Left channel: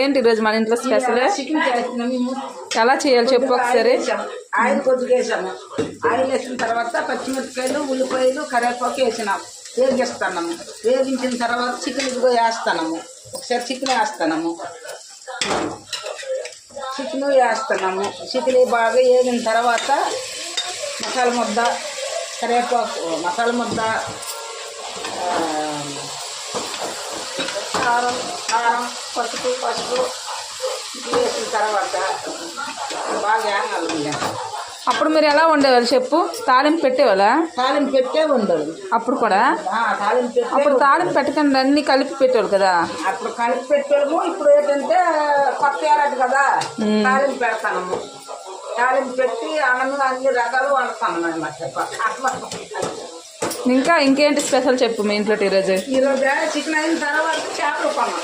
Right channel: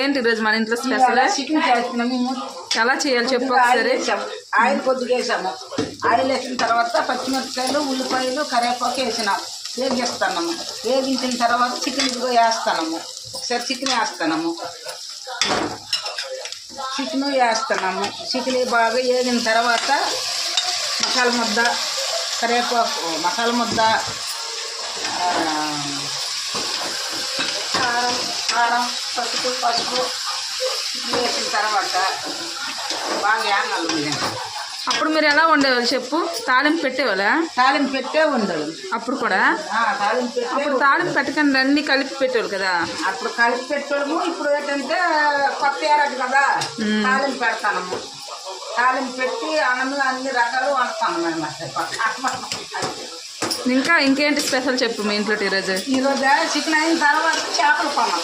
ఏంటి ఈరోజు మన ఇంట్లో స్పెషల్? చికెన్ చేస్తున్నాం మేము. ఎలా చేయాలి చెప్పు ఒకసారి. ఆయిల్ కొద్దిగా వేసాము. ఆయిల్ వేసిన తర్వాత పచ్చిమిరపకాయలు, ఉల్లిపాయలు, కరివేపాకు వేసినాం. వేగిస్తున్నాము. వేగించిన తర్వాత చికెన్ ఇదిగో వేస్తున్నాము. ఒకసారి చికెన్ వేస్తున్నాము. చికెన్ వేస్తున్నాము. చికెన్ బాగా వేగిన తర్వాత మసాలా ముద్ద, కరివేపాకు, మసాలా ముద్ద, కారం, పసుపు వేసిన తర్వాత బాగా వేగాలి. అప్పుడు మీరు ఎలా వండేవాళ్ళు చెప్పు? తాలింపు పెట్టేవాళ్ళ? తాలింపు పెట్టే ఉండదు అప్పుడు కూడా. తాలింపు అప్పుడు తాలింపు పెట్టకుండా అన్ని కలిపి పెట్టేవాళ్ళు కదా. అప్పుడు కలిపి పెట్టాము. ఇప్పుడు ఏంటంటే కొత్త ఏడాది కదా, తాలింపు పెడతాము. తాలింపు పెట్టి అన్నంలో అన్ని రకాలు వండుతాను అన్నమాట. ఇంకేంటి స్పెషల్ చెప్పు మీ ఇంట్లో ఈరోజు? ఈరోజు చికెన్ అయిన తర్వాత చేపలు కొన్నాం.